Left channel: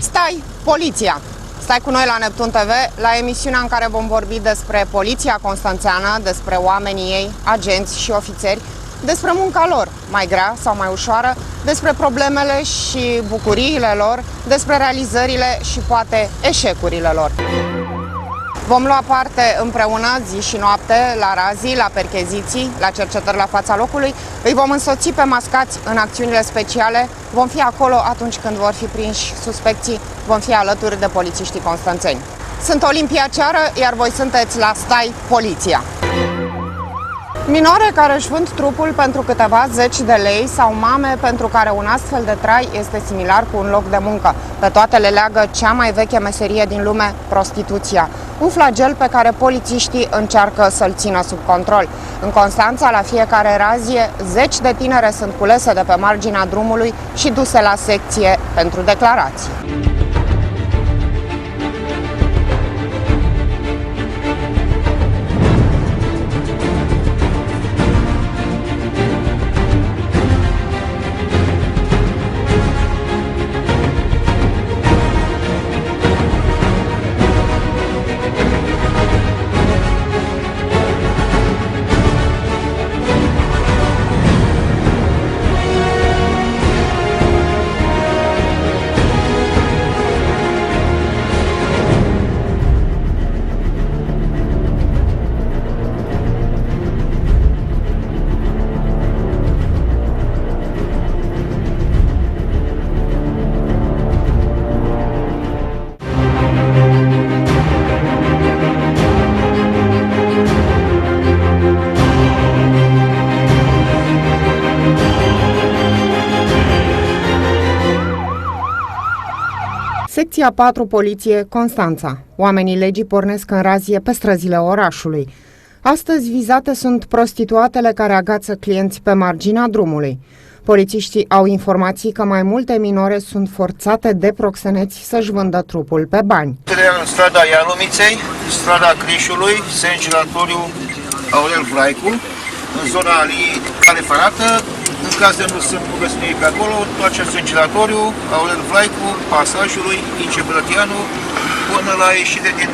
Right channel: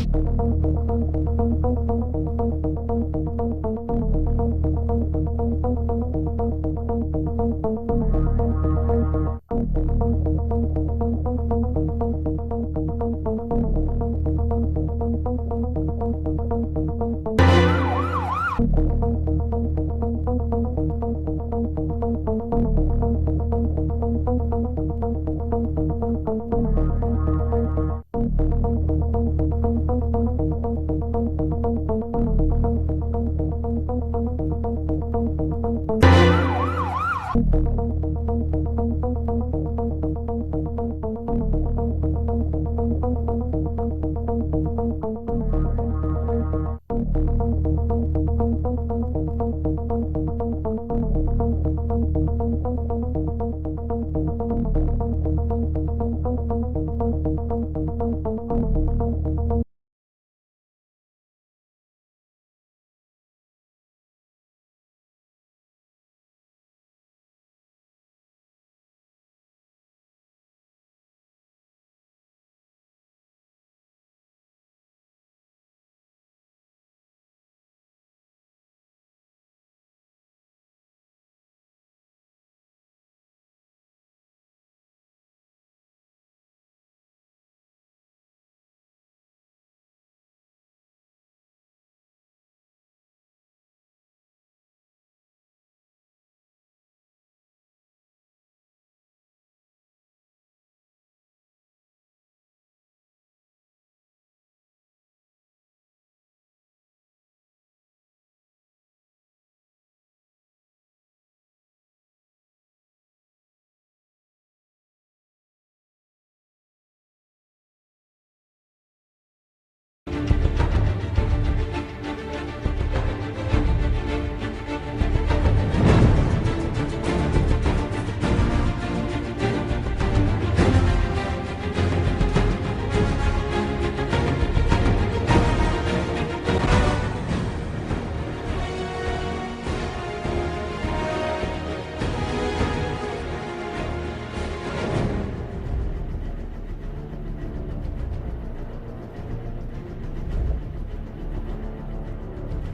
Stai, poliția! Stai cu noi la Neptun TV, la emisiunea în care vom vorbi despre poliția constanțeană, despre oamenii ei, agenți și ofițeri, despre munca lor, mai grea sau mai ușoară, despre problemele și bucuriile lor, despre realizările și poate eșecurile lor. Vom lua parte împreună zi și noapte la razii, la percheziții, la cercetări la fața locului. Îi vom însoți pe mascați în acțiunile speciale. Vom fi acolo atunci când vor fi prinși suspecții. Vom fi alături de polițiștii constanțeni. Sunt Olimpia Ceară, iar voi sunteți la Stai, Poliția! Minore care își vând trupul pentru câteva zeci de lei sau mame pentru care un astfel de trai este similar cu un loc de muncă. Pe toate le leagă cea mai veche meserie din lume, prostituția. Un flagel pe care polițiștii încearcă să-l țină sub control. În Constanța, la fiecare razie, zeci de tinere sunt culese de pe marginea drumului și duse la secție pentru declarații. Secția 4 Poliție, Constanța. Oamenii legii pornesc în razie pe străzile orașului. Astăzi vizate sunt prostituatele care agață clienți pe marginea drumului. Polițiștii au informații că mai multe minore sunt forțate de proxeneți să-și vândă trupul pe bani. Strada Ialumiței, strada Crișului, Sengiratoriu Aurel Vlaicu, în zona Alii Cale Ferată. În caz de nu sunt găsnii pe acolo, toate Sengiratoriu Aurel Vlaicu, pasajului Ince-Brătianu, până la ieșire din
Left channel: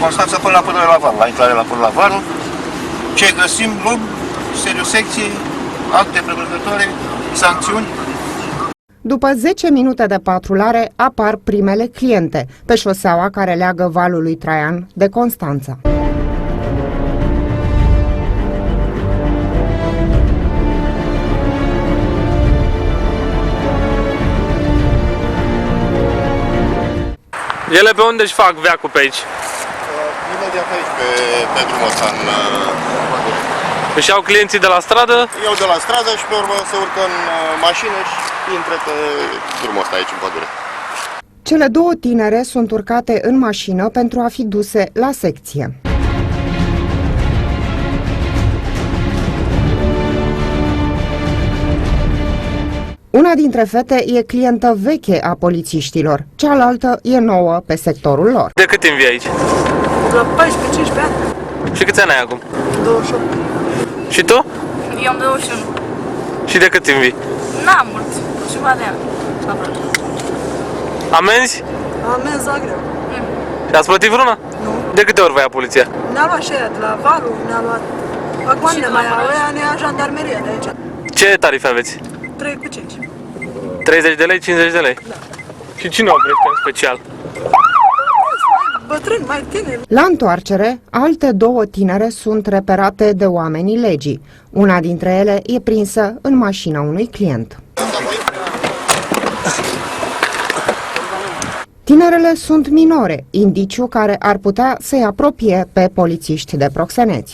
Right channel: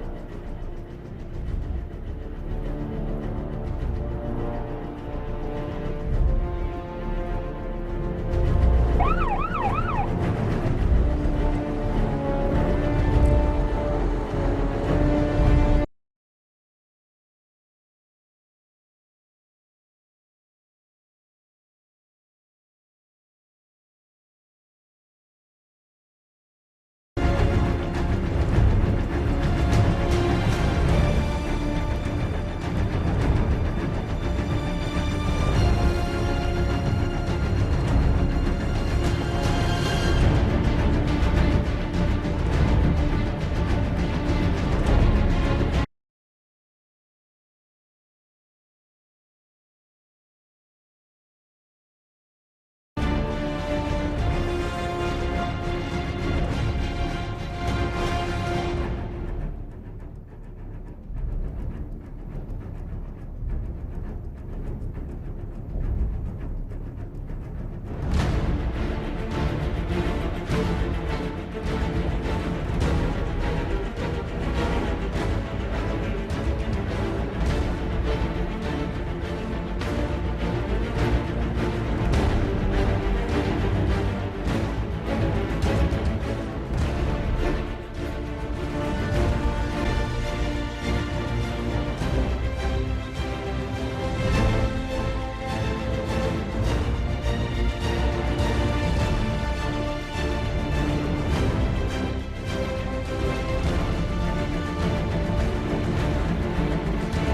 Constanța, până la Var, la intrare până la Var. Ce găsim, luăm, secții, acte premergătoare, sancțiuni. După 10 minute de patrulare apar primele cliente pe șoseaua care leagă valul lui Traian de Constanța. Ele pe unde își fac veacul pe aici? Imediat aici, pe drumul ăsta, în Își iau clienții de la stradă? iau de la stradă și pe urmă se urcă în mașină și intră pe drumul ăsta aici, pădure. Cele două tinere sunt urcate în mașină pentru a fi duse la secție. Una dintre fete e clientă veche a polițiștilor, cealaltă e nouă pe sectorul lor. De cât timp vii aici? La 14-15 ani. Și câți ani ai acum? 28. Și tu? Eu am 21. Și de cât timp vii? N-am mult. Ceva de ani. Aproape. Amenzi? Amenzi Zagreb. Și ați plătit vreuna? Nu. De câte ori vă ia poliția? Ne-a luat și aia de la Valu, ne-a luat vagoanele mai aia, ne-a jandarmeria de aici. Ce tarife aveți? 3 cu 5. 30 de lei, 50 de lei. Și cine oprește în special? Bătrâni, mai tineri. La întoarcere, alte două tinere sunt reperate de oamenii legii. Una dintre ele e prinsă în mașina unui client. Tinerele sunt minore, indiciu care ar putea să-i apropie pe polițiști de proxeneți.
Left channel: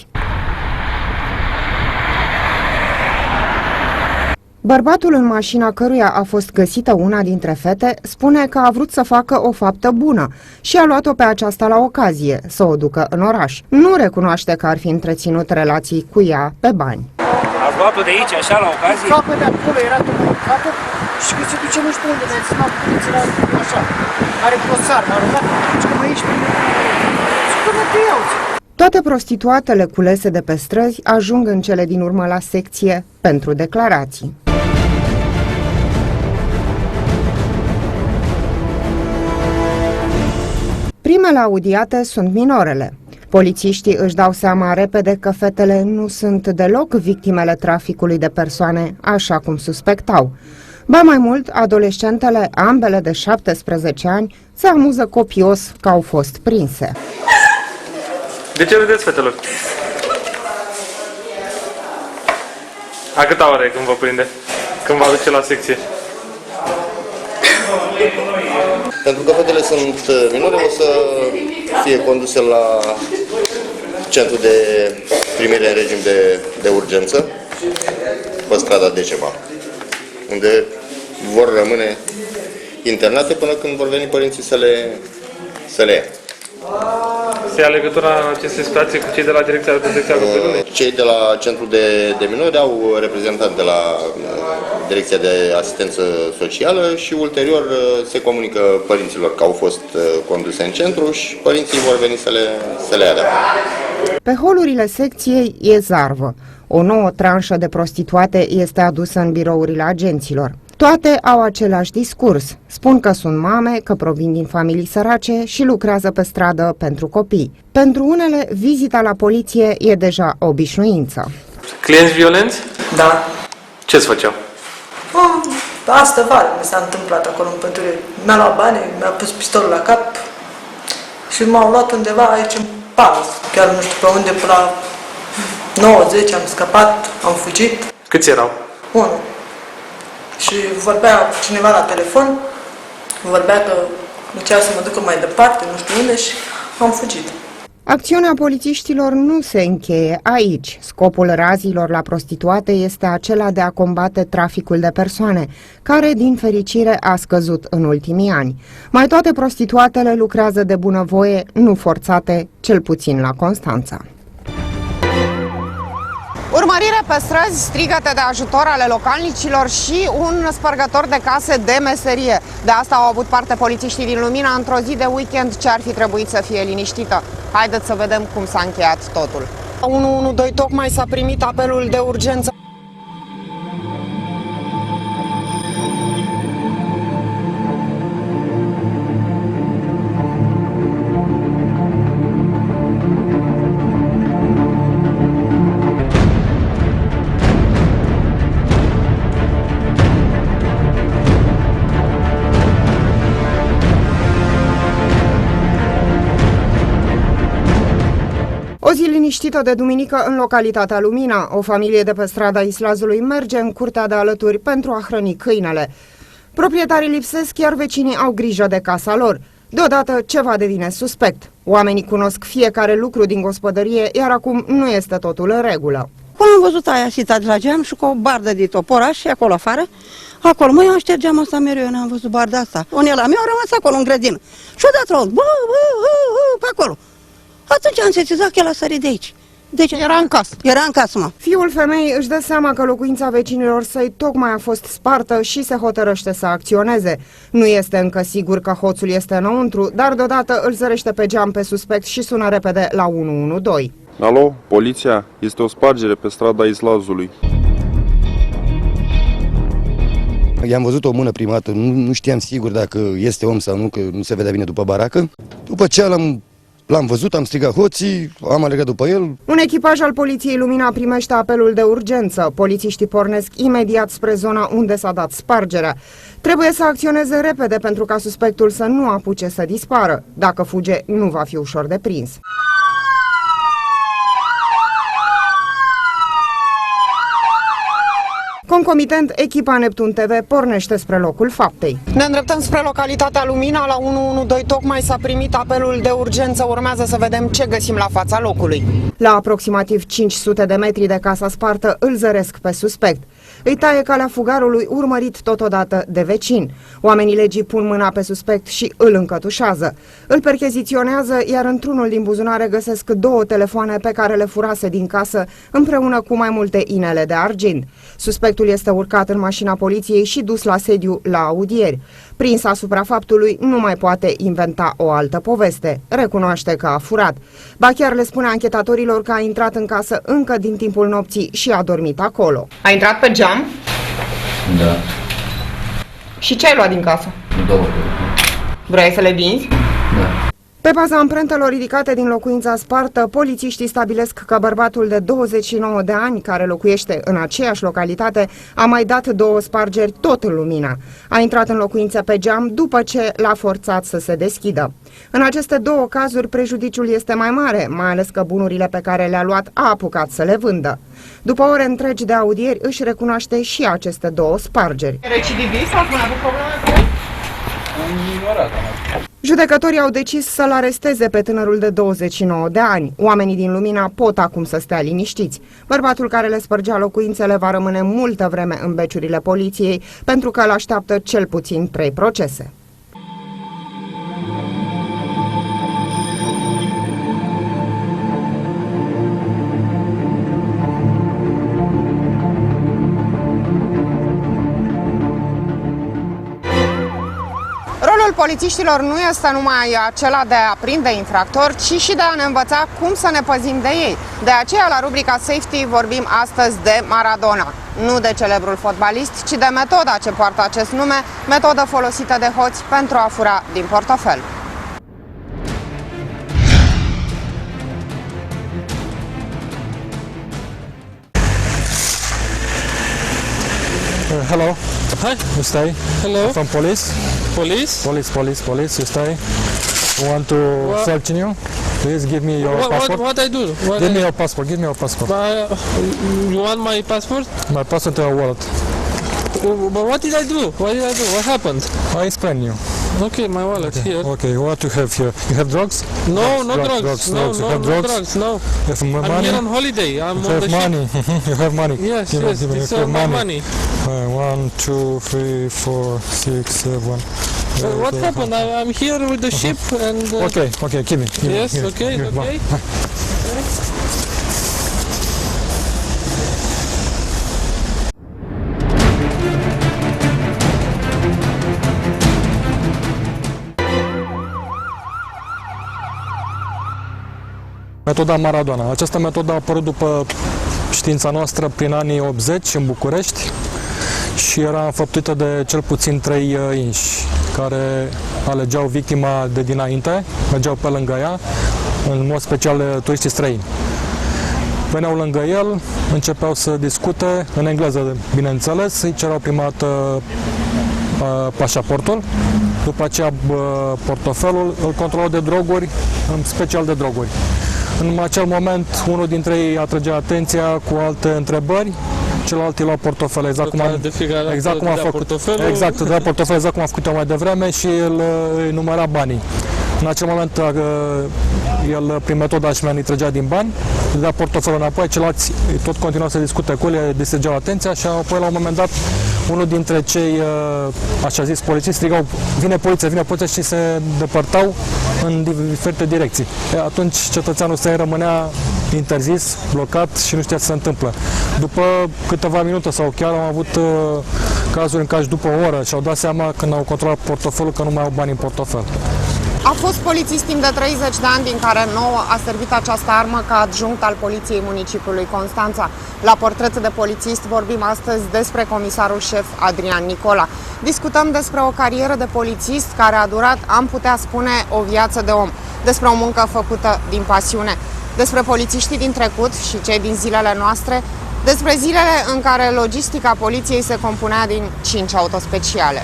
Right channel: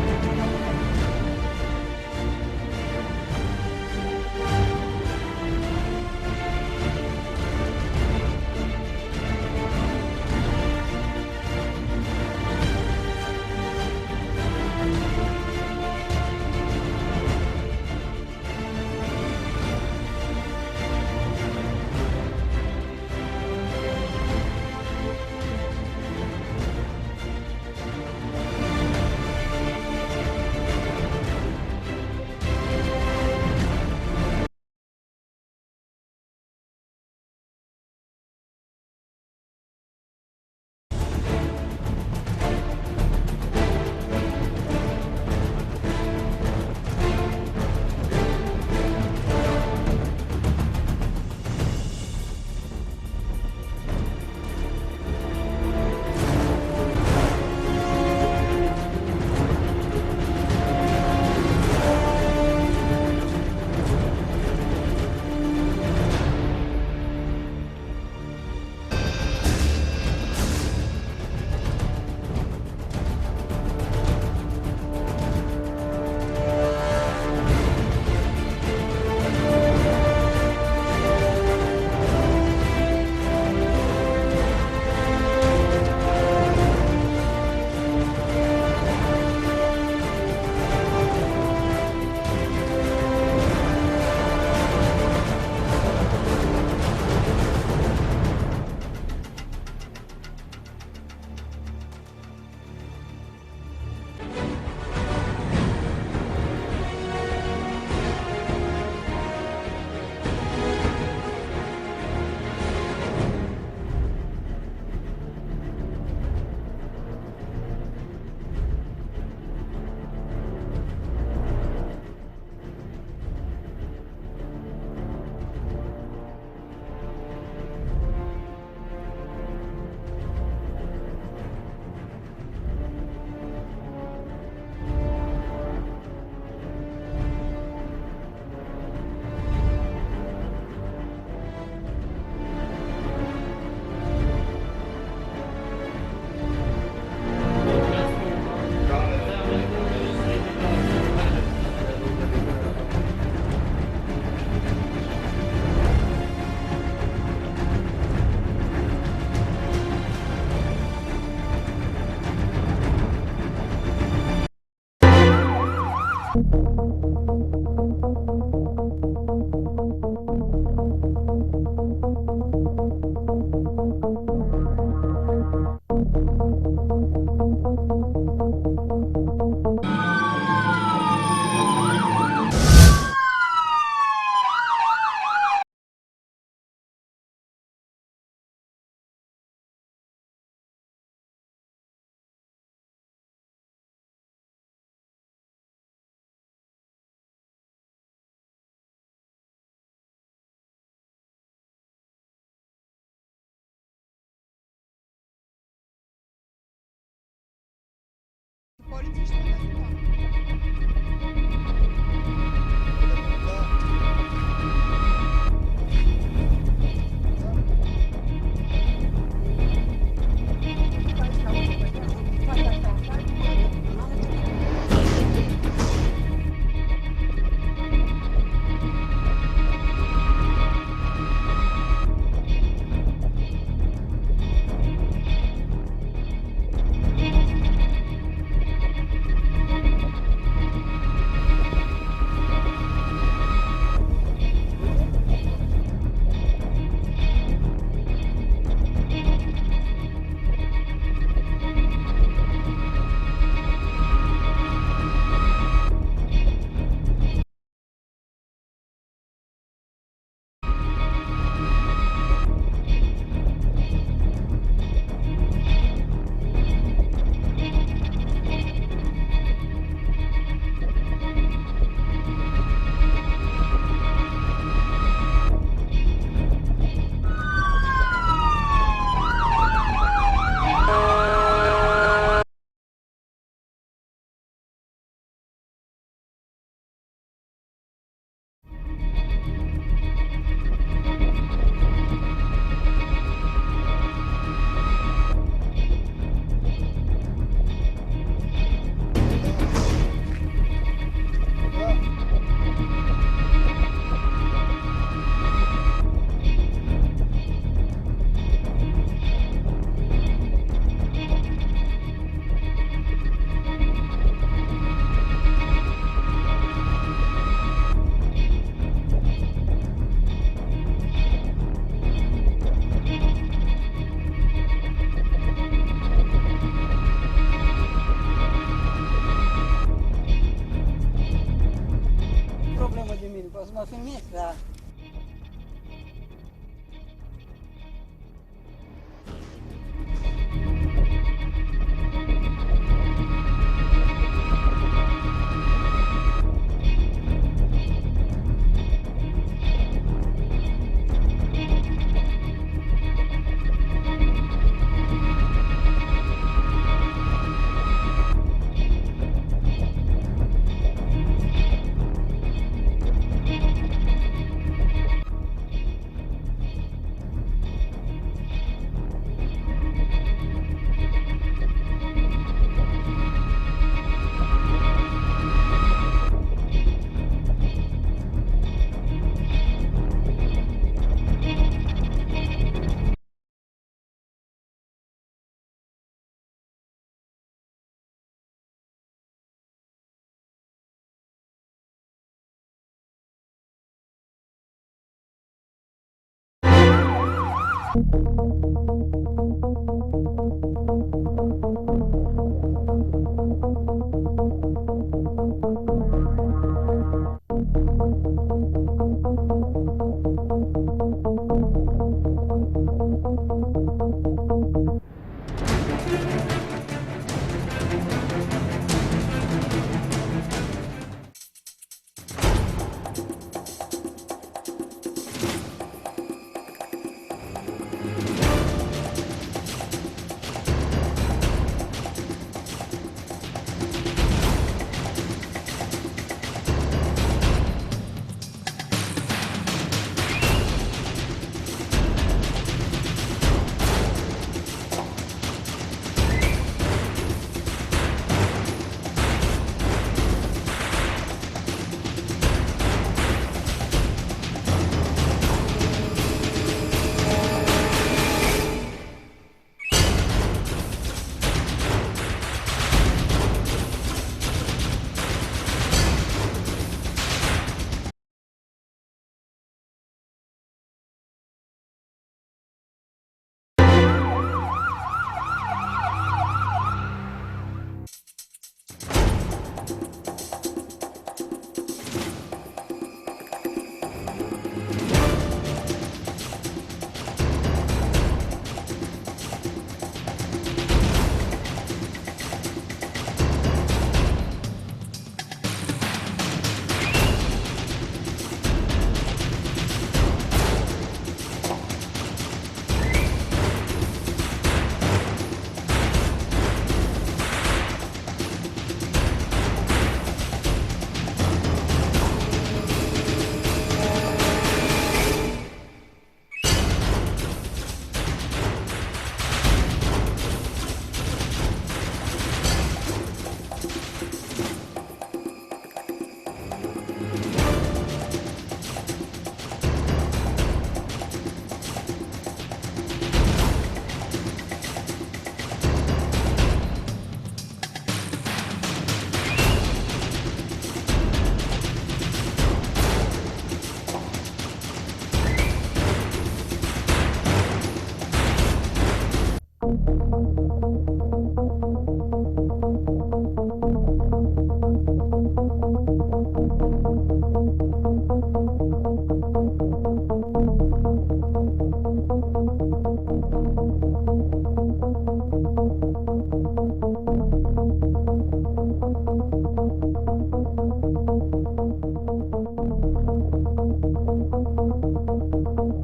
Bărbatul în mașina căruia a fost găsită una dintre fete spune că a vrut să facă o faptă bună și a luat-o pe aceasta la ocazie, să o ducă în oraș. Nu recunoaște că ar fi întreținut relații cu ea pe bani. Ați luat-o de aici, așa, la ocazie? Capă de acolo era tocată și că se duce nu știu unde, ne-a ținut poliția așa. Are grosar, m-a rugat, și că mă ieși pe mine. Și că mă te iau. Toate prostituatele culese de pe străzi ajung în cele din urmă la secție pentru declarații. Victimele audiate sunt minorele. Polițiștii își dau seama repede că fetele nu sunt deloc victimele traficului de persoane, așa cum suspectau. Ba mai mult, adolescentele, ambele de 17 ani, se amuză copios că au fost prinse. De ce vedeți, fetelor? A câta oră e când vă prinde? Când vă aduce la secție? Pentru că fetele sunt minore, o să fie conduse la centru de primire în regim de urgență, pe strada Decema, unde vor rămâne internate până când vor veni părinții să le ia. Se ia legătura în aceste situații cu cei de la Direcția de Protecție a Copilului? Cei de la centru de minori au reprezentant de la Direcția de Asistență Socială și ulterior se comunică părinților că au fost conduse în centru și părinții vor veni să le ia de acolo. Pe holurile secției e zarvă. O nouă tranșă de prostituate este adusă în birourile agenților. Toate au același discurs. Spun că sunt mame, că provin din familii sărace și lucrează pe stradă pentru copii. Pentru unele, vizita la poliție e deja obișnuință. Clienți violenți? Da. Ce-ți făceau? Astă vară mi s-a întâmplat acolo în pădure. Mi-a luat bani, mi-a pus pistolul la cap și m-au luat undeva aici în Palas. Chiar nu știu pe unde, până la 9-10 am scăpat, am fugit. Câți erau? Unul. Și vorbea cineva la telefon, vorbea că încerca să mă ducă mai departe, nu știu unde, și am fugit. Acțiunea polițiștilor nu se încheie aici. Scopul razilor la prostituate este acela de a combate traficul de persoane, care, din fericire, a scăzut în ultimii ani. Mai toate prostituatele lucrează de bunăvoie, nu forțate, cel puțin la Constanța. Urmărire pe străzi, strigăte de ajutor ale localnicilor și un spărgător de case de meserie. De asta au avut parte polițiștii din Lumina într-o zi de weekend ce ar fi trebuit să fie liniștită. Haideți să vedem cum s-a încheiat totul. 112 tocmai s-a primit apelul de urgență. O zi liniștită de duminică în localitatea Lumina. O familie de pe strada Islazului merge în curtea de alături pentru a hrăni câinele. Proprietarii lipsesc, iar vecinii au grijă de casa lor. Deodată ceva devine suspect. Oamenii cunosc fiecare lucru din gospodărie, iar acum nu este totul în regulă. Până am văzut aia sitat la geam și cu o bardă de toporaș și acolo afară. Acolo, măi, eu ștergeam asta mereu, eu n-am văzut barda asta. Unii la mea au rămas acolo în grădină. Și odată pe acolo. Atunci am sesizat că el a sărit de aici. Deci Era în casă. era în casă, mă. Fiul femeii își dă seama că locuința vecinilor săi tocmai a fost spartă și se hotărăște să acționeze. Nu este încă sigur că hoțul este înăuntru, dar deodată îl zărește pe geam pe suspect și sună repede la 112. Alo, poliția, este o spargere pe strada Islazului. I-am văzut o mână prima dată, nu știam sigur dacă este om sau nu, că nu se vedea bine după baracă. După ce l-am văzut, am strigat hoții, am alergat după el. Un echipaj al poliției Lumina primește apelul de urgență. Polițiștii pornesc imediat spre zona unde s-a dat spargerea. Trebuie să acționeze repede pentru ca suspectul să nu apuce să dispară. Dacă fuge, nu va fi ușor de prins. Concomitent, echipa Neptun TV pornește spre locul faptei. Ne îndreptăm spre localitatea Lumina, la 112 tocmai s-a primit apelul de urgență, urmează să vedem ce găsim la fața locului. La aproximativ 500 de metri de casa spartă îl zăresc pe suspect. Îi taie calea fugarului, urmărit totodată de vecini. Oamenii legii pun mâna pe suspect și îl încătușează. Îl percheziționează, iar într-unul din buzunare găsesc 2 telefoane pe care le furase din casă, împreună cu mai multe inele de argint. Suspectul este urcat în mașina poliției și dus la sediu la audieri. Prins asupra faptului, nu mai poate inventa o altă poveste. Recunoaște că a furat. Ba chiar le spune anchetatorilor că a intrat în casă încă din timpul nopții și a dormit acolo. A intrat pe geam? Da, Și ce ai luat din casă? 2. Vrei să le vinzi? Da. Pe baza amprentelor ridicate din locuința spartă, polițiștii stabilesc că bărbatul de 29 de ani, care locuiește în aceeași localitate, a mai dat 2 spargeri tot în Lumina. A intrat în locuință pe geam după ce l-a forțat să se deschidă. În aceste 2 cazuri, prejudiciul este mai mare, mai ales că bunurile pe care le-a luat a apucat să le vândă. După ore întregi de audieri, își recunoaște și aceste 2 spargeri. Recidivist sau mai avut probleme cu el? Judecătorii au decis să-l aresteze pe tânărul de 29 de ani. Oamenii din Lumina pot acum să stea liniștiți. Bărbatul care le spărgea locuințele va rămâne multă vreme în beciurile poliției, pentru că îl așteaptă cel puțin 3 procese. Rolul polițiștilor nu este numai acela de a prinde infractori, ci și de a ne învăța cum să ne păzim de ei. De aceea, la rubrica Safety, vorbim astăzi de Maradona. Nu de celebrul fotbalist, ci de metoda ce poartă acest nume, metodă folosită de hoți pentru a fura din portofel. Hello. Hi. You stay? Hello. From police? Police? Police. You stay? Want to search you? Please give me your passport. What I do? Give me your passport. Give me your passport. You want my passport? My passport in the wallet. But what did I do? What happened? I explain you. Okay, my wallet here. Okay, what you have here? You have drugs? No, no drugs. drugs. No, You no, have no drugs? drugs. No. You have I'm money? here on holiday. I'm You on have the ship. money. You have money. Yes, You yes. have It's money. money. 1, 2, 3, 4, 6, 7. What happened? I'm here with the ship and... Okay, give me. Yes, okay, okay. Metoda Maradona. Această metodă a apărut după știința noastră prin anii 80 în București și era înfăptuită de cel puțin 3 inși care alegeau victima de dinainte, mergeau pe lângă ea, în mod special turiștii străini. Veneau lângă el, începeau să discute, în engleză, bineînțeles, îi cereau prima dată pașaportul, după aceea portofelul, îl controlau de droguri, în special de droguri. În acel moment, unul dintre ei atrăgea atenția cu alte întrebări, celălalt îi lua portofelul, exact cum a făcut portofelul, exact cum a făcut mai devreme și el îi număra banii. În acel moment, el, prin metoda așa, îi trăgea din bani, îi dea portofelul înapoi, ceilalți tot continuau să discute cu el, îi distrăgeau atenția și apoi, la un moment dat, unul dintre cei, așa zis, polițiști strigau, vine poliția și se depărtau în diferite direcții. Atunci cetățeanul străin rămânea interzis, blocat și nu știa ce se întâmplă. După câteva minute sau chiar am avut cazuri în care după o oră și-au dat seama când au controlat portofelul că nu mai au bani în portofel. A fost polițist timp de 30 de ani, din care 9 a servit această armă ca adjunct al Poliției Municipiului Constanța. La Portret de Polițist vorbim astăzi despre comisarul șef Adrian Nicola. Discutăm despre o carieră de polițist care a durat, am putea spune, o viață de om. Despre o muncă făcută din pasiune. Despre polițiștii din trecut și cei din zilele noastre. Despre zilele în care logistica poliției se compunea din 5 autospeciale.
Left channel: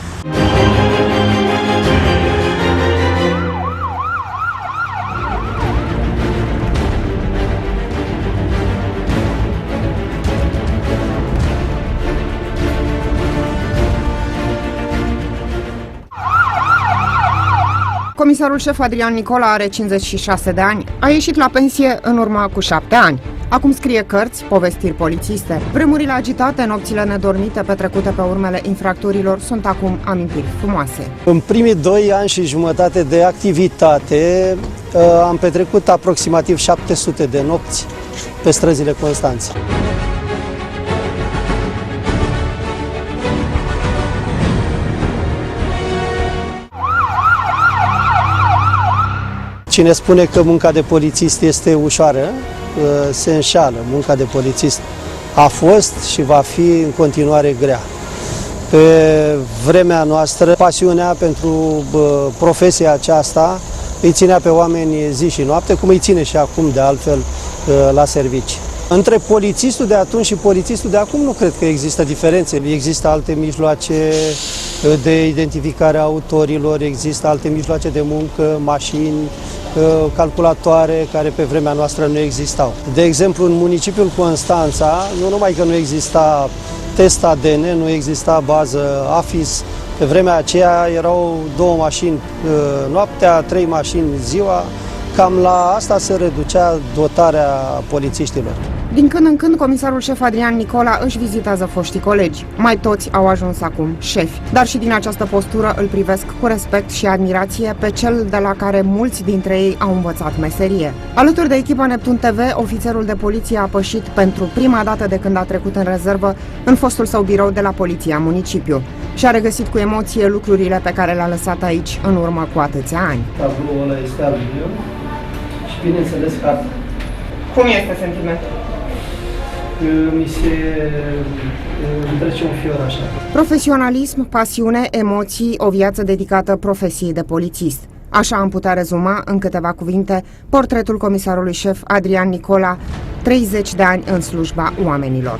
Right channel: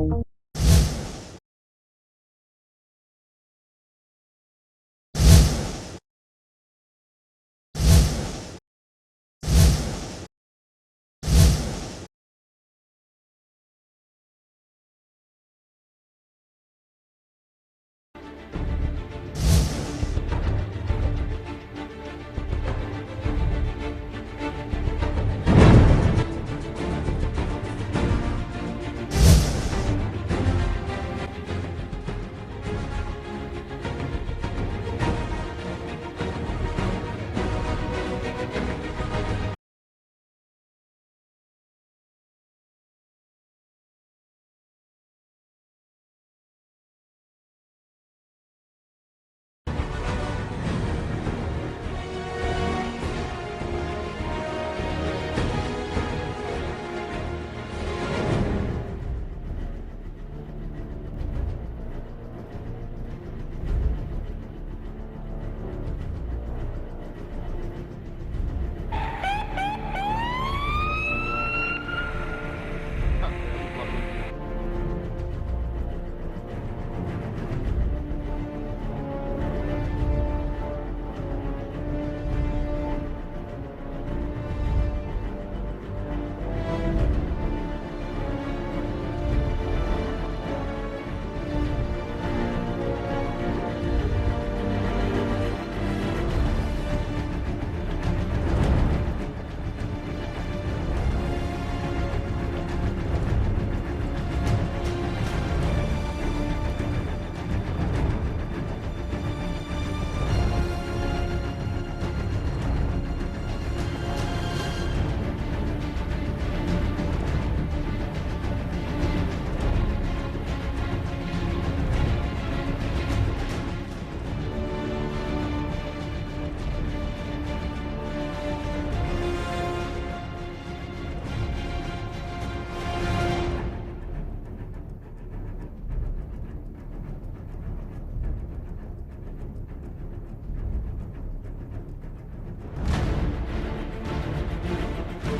Comisarul șef Adrian Nicola are 56 de ani. A ieșit la pensie în urmă cu 7 ani. Acum scrie cărți, povestiri polițiste. Vremurile agitate, nopțile nedormite petrecute pe urmele infractorilor sunt acum amintiri frumoase. În primii 2 ani și jumătate de activitate am petrecut aproximativ 700 de nopți pe străzile Constanței. Cine spune că munca de polițist este ușoară, se înșală. Munca de polițist a fost și va fi în continuare grea. Pe vremea noastră, pasiunea pentru profesia aceasta îi ținea pe oameni zi și noapte, cum îi ține și acum de altfel la servici. Între polițistul de atunci și polițistul de acum nu cred că există diferențe. Există alte mijloace de identificare a autorilor, există alte mijloace de muncă, mașini, calculatoare, care pe vremea noastră nu existau. De exemplu, în municipiul Constanța, nu numai că nu exista test ADN, nu exista bază AFIS, pe vremea aceea erau 2 mașini noaptea, 3 mașini ziua, cam la asta se reducea dotarea polițiștilor. Din când în când, comisarul șef Adrian Nicola își vizitează foștii colegi. Mai toți au ajuns acum șefi, dar și din această postură îl privesc cu respect și admirație pe cel de la care mulți dintre ei au învățat meserie. Alături de echipa Neptun TV, ofițerul de poliție a pășit pentru prima dată de când a trecut în rezervă în fostul său birou de la Poliția Municipiu și a regăsit cu emoție lucrurile pe care le-a lăsat aici în urmă cu atâția ani. Tabloul ăla este al meu și bineînțeles că Cum este sentimentul? mi se trece un fior așa. Profesionalism, pasiune, emoții, o viață dedicată profesiei de polițist. Așa am putea rezuma în câteva cuvinte portretul comisarului șef Adrian Nicola, 30 de ani în slujba oamenilor.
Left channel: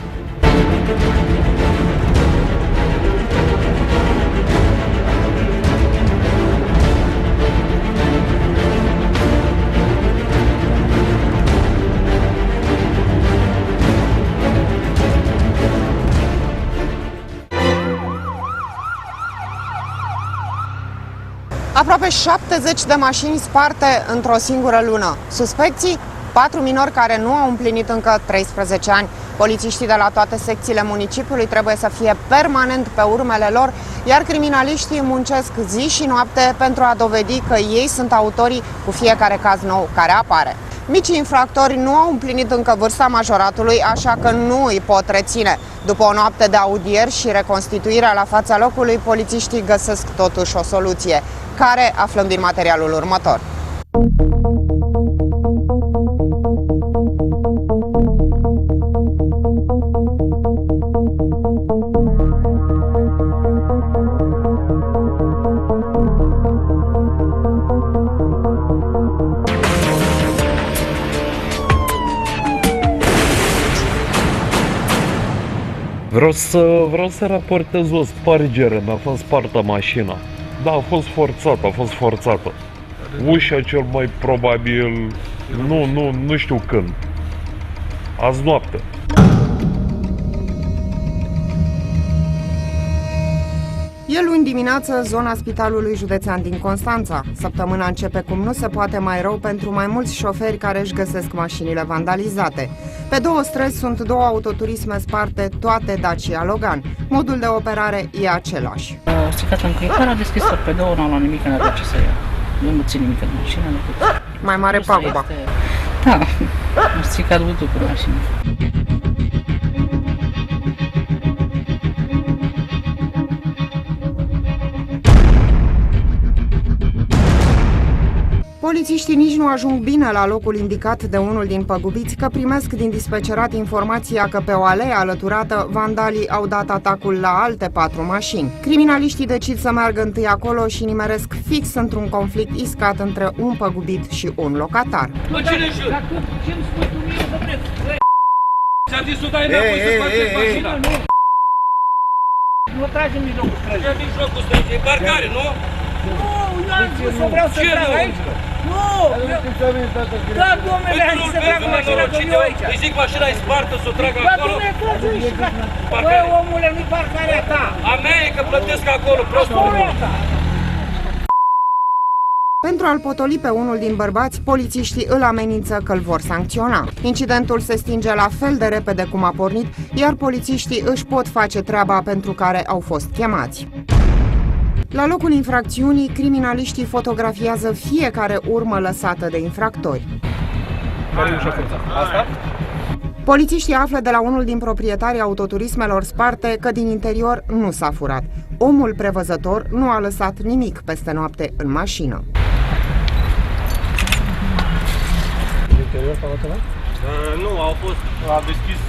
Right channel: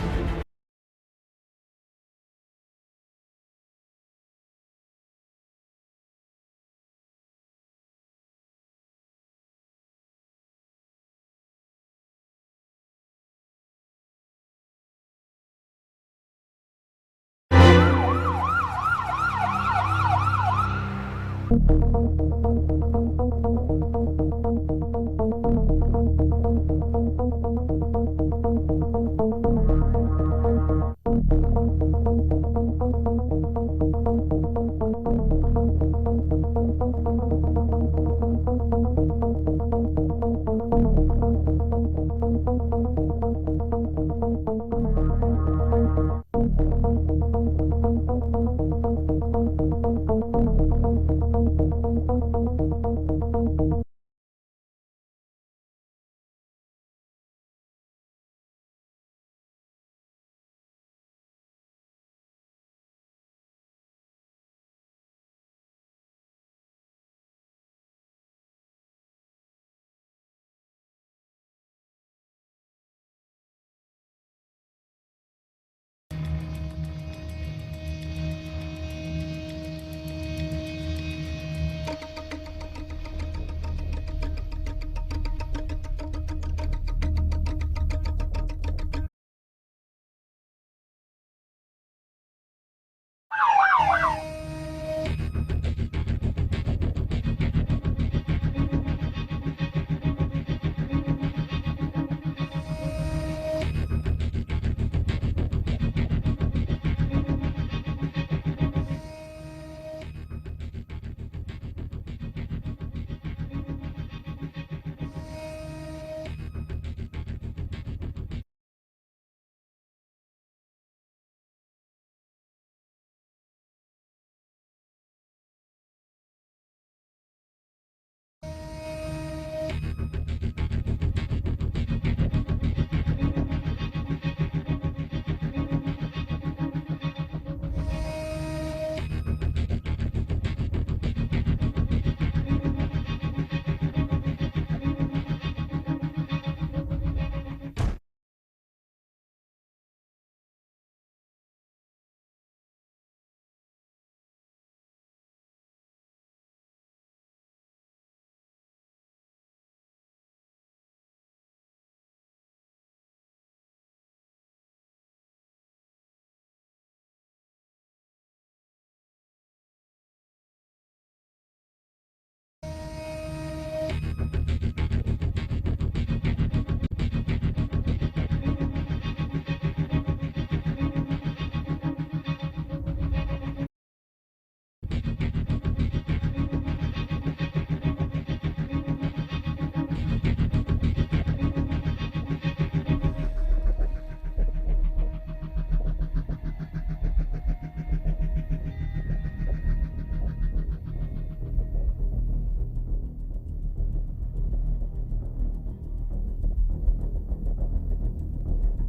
Aproape 70 de mașini sparte într-o singură lună. Suspecții? 4 minori care nu au împlinit încă 13 ani. Polițiștii de la toate secțiile municipiului trebuie să fie permanent pe urmele lor, iar criminaliștii muncesc zi și noapte pentru a dovedi că ei sunt autorii cu fiecare caz nou care apare. Micii infractori nu au împlinit încă vârsta majoratului, așa că nu îi pot reține. După o noapte de audieri și reconstituirea la fața locului, polițiștii găsesc totuși o soluție, care aflăm din materialul următor. Vreau să raportez o spargere, mi-a fost spartă mașina. Da, a fost forțată. Ușa cel mai probabil, nu știu când. Azi noapte. E luni dimineață, zona Spitalului Județean din Constanța. Săptămâna începe cum nu se poate mai rău pentru mai mulți șoferi care își găsesc mașinile vandalizate. Pe 2 străzi sunt 2 autoturisme sparte, toate Dacia Logan. Modul de operare e același. A stricat încălcarea, a deschis pe 2, n-am luat nimic, n-a ce să ia. Eu nu țin nimic în mașină. Mai mare paguba. Da, a stricat butucul mașinii. Polițiștii nici nu ajung bine la locul indicat de unul din păgubiți, că primesc din dispecerat informația că pe o alee alăturată vandalii au dat atacul la alte 4 mașini. Criminaliștii decid să meargă întâi acolo și nimeresc fix într-un conflict iscat între un păgubit și un locatar. Nu tragi în mijlocul străzii. În mijlocul străzii, e parcare, nu? Nu, eu am zis că vreau să trag aici. Nu! Da, domnule, am zis să trag mașina, că eu aici. Îi zic mașina e spartă, să o trag acolo. Da, domnule, tragi aici. Băi, omule, nu-i parcarea ta. A mea e că plătesc acolo, prostul. Pentru a-l potoli pe unul din bărbați, polițiștii îl amenință că îl vor sancționa. Incidentul se stinge la fel de repede cum a pornit, iar polițiștii își pot face treaba pentru care au fost chemați. La locul infracțiunii, criminaliștii fotografiază fiecare urmă lăsată de infractori. Polițiștii află de la unul din proprietarii autoturismelor sparte că din interior nu s-a furat. Omul prevăzător nu a lăsat nimic peste noapte în mașină. Nu, au fost,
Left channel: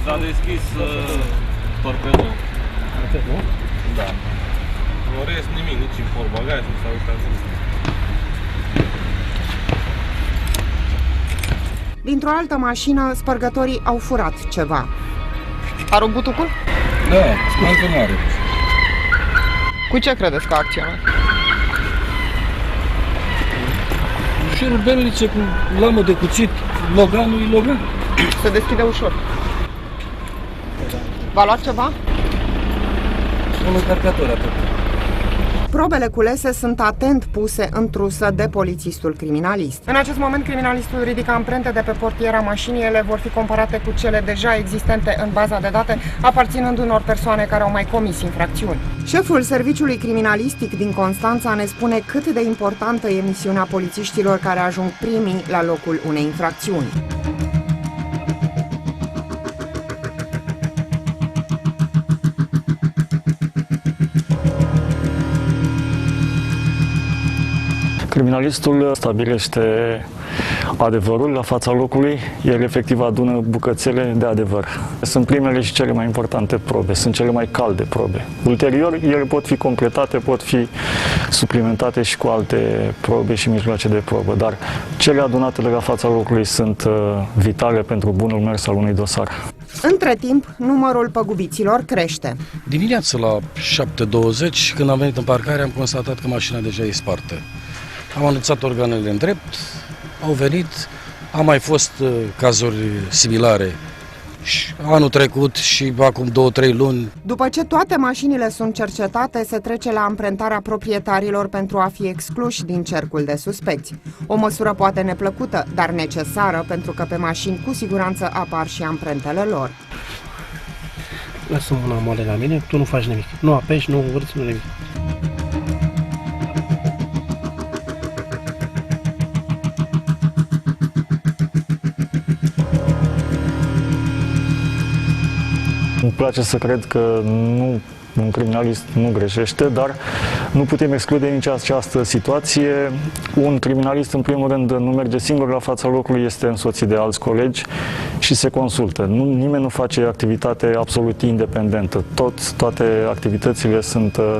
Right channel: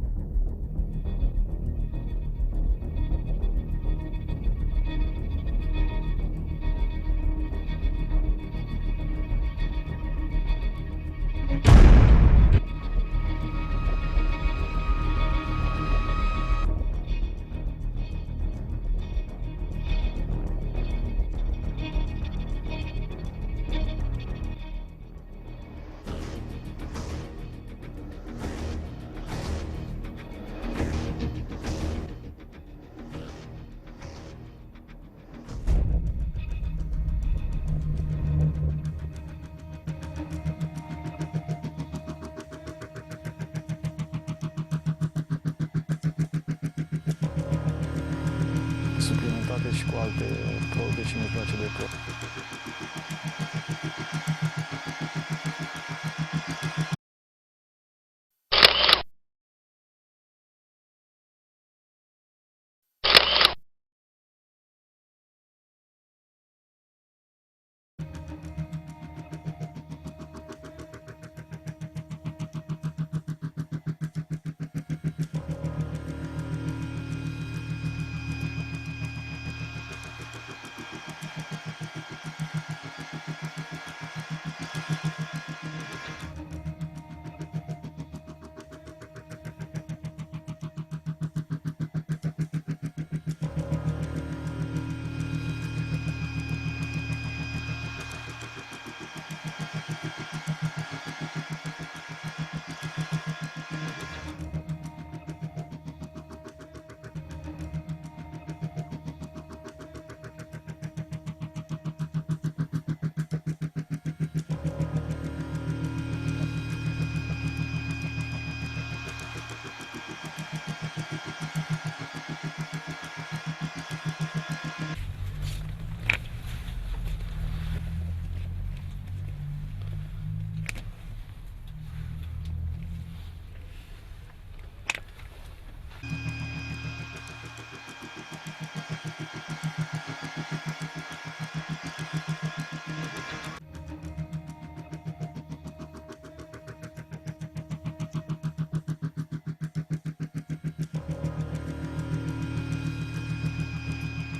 s-a deschis torpedul. Da. În rest nimic, nici în portbagaj, nu s-a uitat. altă mașină, spărgătorii au furat ceva. A rupt butucul? Da, încă mare. Cu ce credeți că a acționat? Șurubelnice cu lamă de cuțit, loganul e logan. Se deschide ușor. V-a luat ceva? Un încărcător atât. Probele culese sunt atent puse în trusă de polițistul criminalist. În acest moment, criminalistul ridică amprente de pe portiera mașinii. Ele vor fi comparate cu cele deja existente în baza de date, aparținând unor persoane care au mai comis infracțiuni. Șeful serviciului criminalistic din Constanța ne spune cât de importantă e misiunea polițiștilor care ajung primii la locul unei infracțiuni. Criminalistul stabilește adevărul la fața locului, el efectiv adună bucățele de adevăr. Sunt primele și cele mai importante probe, sunt cele mai calde probe. Ulterior, ele pot fi completate, pot fi suplimentate și cu alte probe și mijloace de probă, dar cele adunate de la fața locului sunt vitale pentru bunul mers al unui dosar. Între timp, numărul păgubiților crește. Dimineața la 7:20, când am venit în parcare, am constatat că mașina deja e spartă. Am anunțat organele în drept, au venit, a mai fost cazuri similare și anul trecut și acum 2-3 luni. După ce toate mașinile sunt cercetate, se trece la amprentarea proprietarilor pentru a fi excluși din cercul de suspecți. O măsură poate neplăcută, dar necesară, pentru că pe mașini cu siguranță apar și amprentele lor. Lasă mâna moale la mine, tu nu faci nimic. Nu apeși, nu vârți, nu nimic. Îmi place să cred că un criminalist nu greșește, dar nu putem exclude nici această situație. Un criminalist, în primul rând, nu merge singur la fața locului, este însoțit de alți colegi și se consultă. Nimeni nu face activitate absolut independentă. Toate activitățile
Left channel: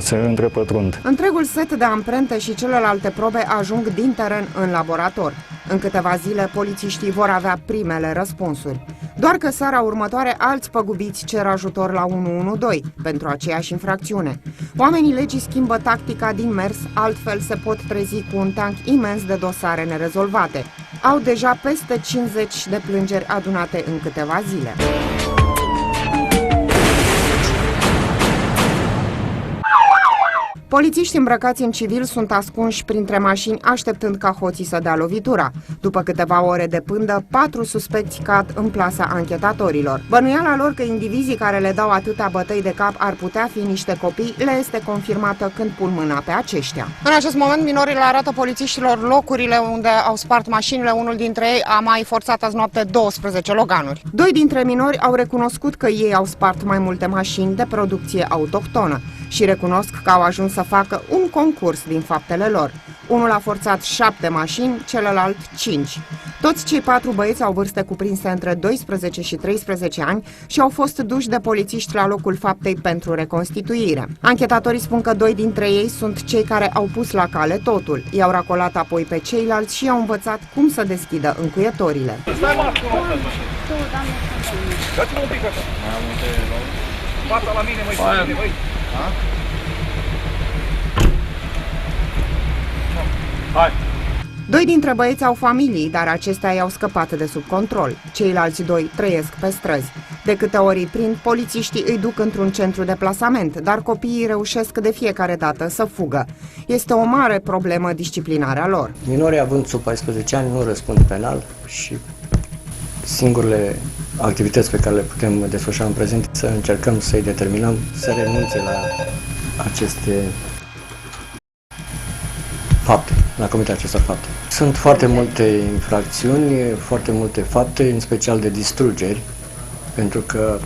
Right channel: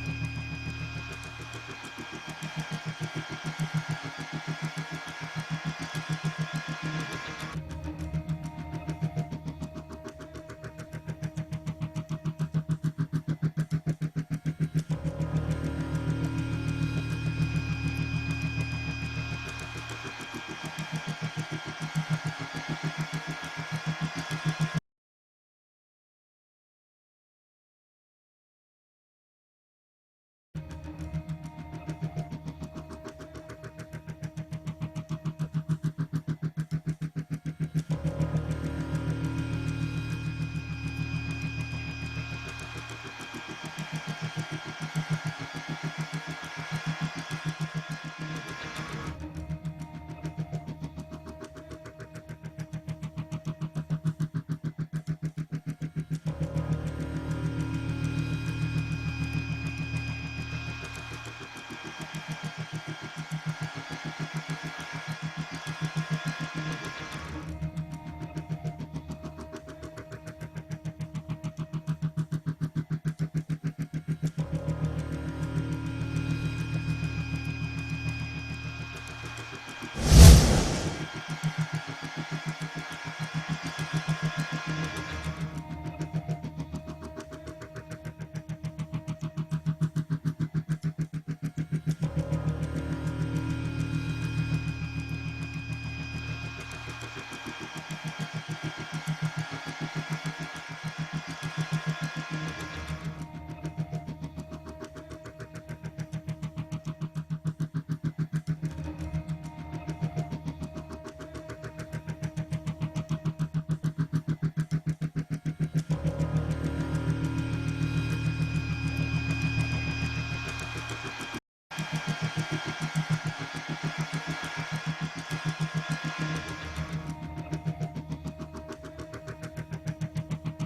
se întrepătrund. Întregul set de amprente și celelalte probe ajung din teren în laborator. În câteva zile, polițiștii vor avea primele răspunsuri. Doar că seara următoare, alți păgubiți cer ajutor la 112 pentru aceeași infracțiune. Oamenii legii schimbă tactica din mers, altfel se pot trezi cu un tank imens de dosare nerezolvate. Au deja peste 50 de plângeri adunate în câteva zile. Polițiști îmbrăcați în civil sunt ascunși printre mașini așteptând ca hoții să dea lovitura. După câteva ore de pândă, 4 suspecți cad în plasa anchetatorilor. Bănuiala lor că indivizii care le dau atâtea bătăi de cap ar putea fi niște copii le este confirmată când pun mâna pe aceștia. În acest moment, minorii le arată polițiștilor locurile unde au spart mașinile. Unul dintre ei a mai forțat azi noapte 12 loganuri. 2 dintre minori au recunoscut că ei au spart mai multe mașini de producție autohtonă și recunosc că au ajuns să facă un concurs din faptele lor. Unul a forțat 7 mașini, celălalt 5. Toți cei 4 băieți au vârste cuprinse între 12 și 13 ani și au fost duși de polițiști la locul faptei pentru reconstituire. Anchetatorii spun că 2 dintre ei sunt cei care au pus la cale totul. I-au racolat apoi pe ceilalți și i-au învățat cum să deschidă încuietorile. Hai! 2 dintre băieți au familii, dar acestea i-au scăpat de sub control. Ceilalți 2 trăiesc pe străzi. De câte ori îi prind, polițiștii îi duc într-un centru de plasament, dar copiii reușesc de fiecare dată să fugă. Este o mare problemă disciplinarea lor. Minorii având sub 14 ani nu răspund penal și singurele activități pe care le putem desfășura în prezent să încercăm să-i determinăm să renunțe la aceste fapte, la comiterea acestor fapte. Sunt foarte multe infracțiuni, foarte multe fapte, în special de distrugeri, pentru că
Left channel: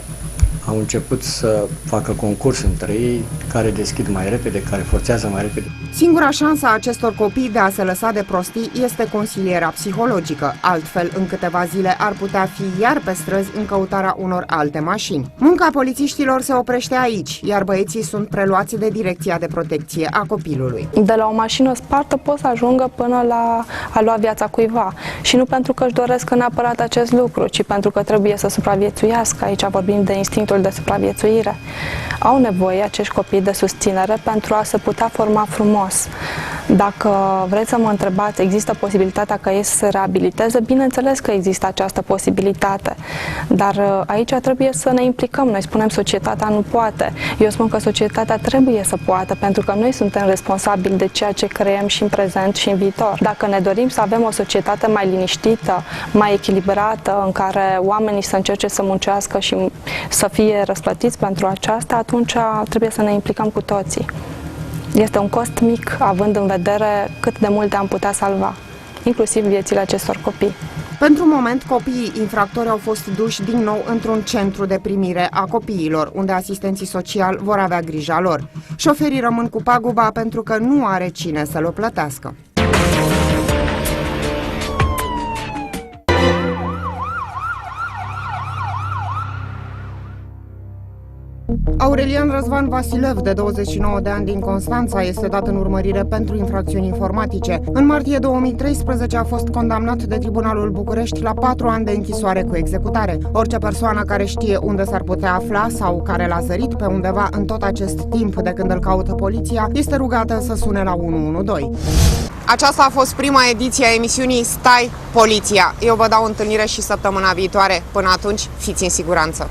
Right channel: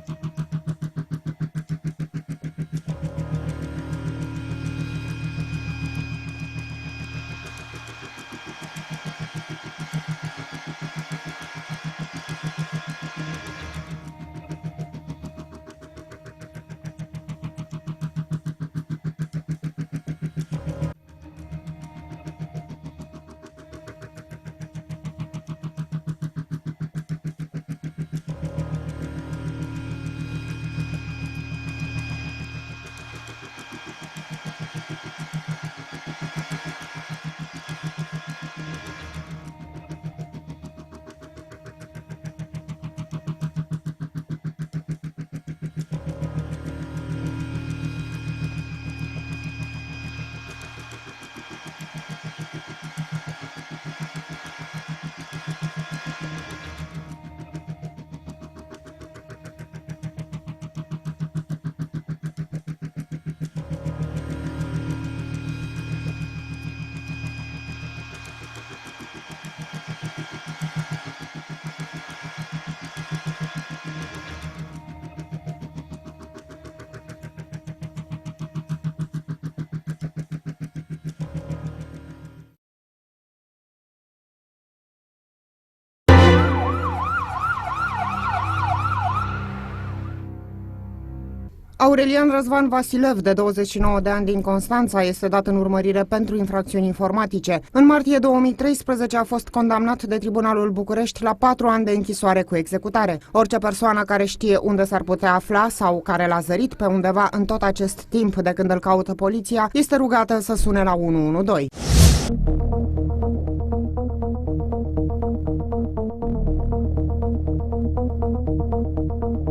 au început să facă concurs între ei, care deschid mai repede, care forțează mai repede. Singura șansă a acestor copii de a se lăsa de prostii este consilierea psihologică, altfel în câteva zile ar putea fi iar pe străzi în căutarea unor alte mașini. Munca polițiștilor se oprește aici, iar băieții sunt preluați de Direcția de Protecție a Copilului. De la o mașină spartă pot să ajungă până la a lua viața cuiva și nu pentru că își doresc neapărat acest lucru, ci pentru că trebuie să supraviețuiască. Aici vorbim de instinctul de supraviețuire. Au nevoie acești copii de susținere pentru a se putea forma frumos. Dacă vreți să mă întrebați, există posibilitatea ca ei să se reabiliteze? Bineînțeles că există această posibilitate, dar aici trebuie să ne implicăm. Noi spunem societatea nu poate. Eu spun că societatea trebuie să poată, pentru că noi suntem responsabili de ceea ce creăm și în prezent și în viitor. Dacă ne dorim să avem o societate mai liniștită, mai echilibrată, în care oamenii să încerce să muncească și să fie răsplătiți pentru aceasta, atunci trebuie să ne implicăm cu toții. Este un cost mic, având în vedere cât de multe am putea salva, inclusiv viețile acestor copii. Pentru moment, copiii infractori au fost duși din nou într-un centru de primire a copiilor, unde asistenții sociali vor avea grija lor. Șoferii rămân cu paguba pentru că nu are cine să-l o plătească. Aurelian Răzvan Vasilev, de 29 de ani din Constanța, este dat în urmărire pentru infracțiuni informatice. În martie 2013 a fost condamnat de Tribunalul București la 4 ani de închisoare cu executare. Orice persoană care știe unde s-ar putea afla sau care l-a zărit pe undeva în tot acest timp de când îl caută poliția, este rugată să sune la 112. Aceasta a fost prima ediție a emisiunii Stai Poliția. Eu vă dau întâlnire și săptămâna viitoare. Până atunci, fiți în siguranță!